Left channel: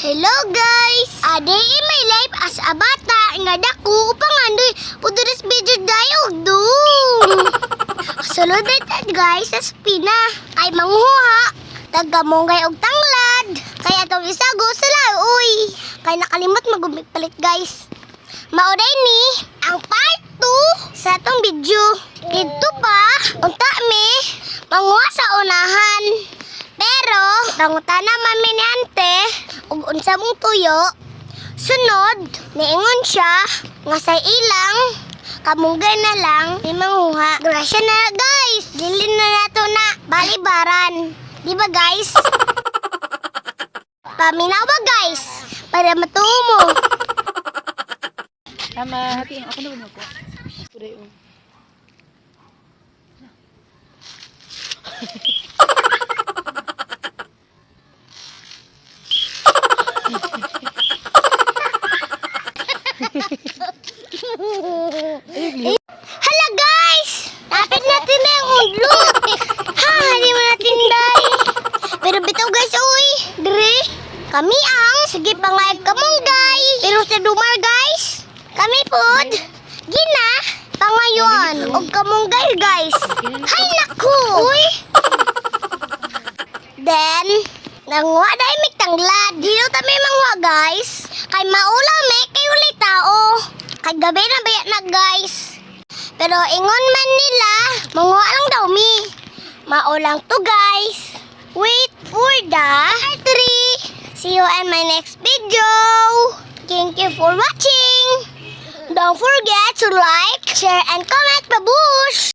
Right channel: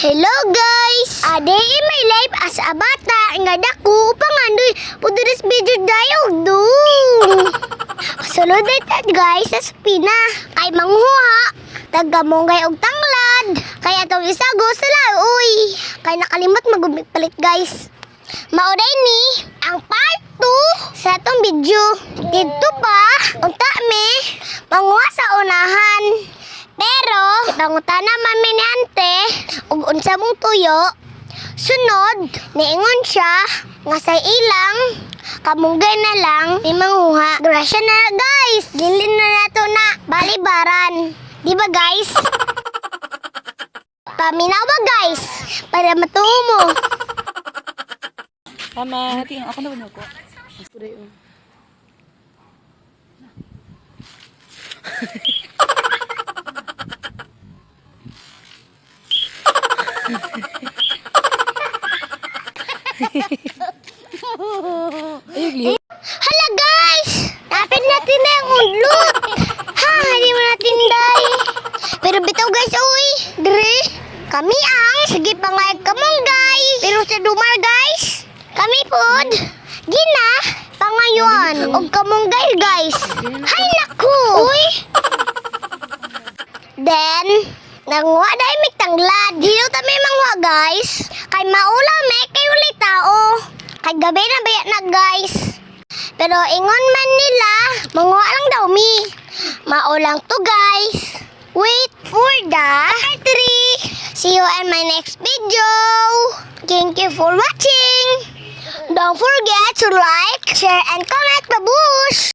Hello guys! Ade in my life as a bata nga dako upang andoy puduris video dayog do. Sulod ita guys sa spina kay manghuha tagamongay og tanglad kay atong isago sila uy kay nakalimot magpalit guys. Mauday ni ang part 2 sa atong video. Dito pa unta mi manghuha sa unahan. Pero nangutan naman mi ni ante ug unsa mong tuyo. Sunod niingon siya nga sa ilang kamunggay na lang ni manghuha. Grasya na guys. Gilin na nato na balibaran. Di ba guys? Paminaw ba guys? Para matuo mo. Tama, hati ako na mo ko. Asturay o. Hala guys! Dapat natin na ang udlot. Ha, hindi mo natin day. Pero bitaw guys, uy. Dre, kami ang sige pangayag kamunggay. Pero sa dumar guys, kami pod. Gina, pangayon. Og kamunggay guys. Hay naku. Uy. Then, nanguha dahil may tanglad. Dito kami mangwa guys. Kay maulam kay ulit tao. Kay gabi na baya na guys. Pero ingon man nila, manguha lang daw mi. Maulang to guys. Wait for the part 3. See you in my next video. Thank you for watching. Don't forget to like, share, and comment. Babu!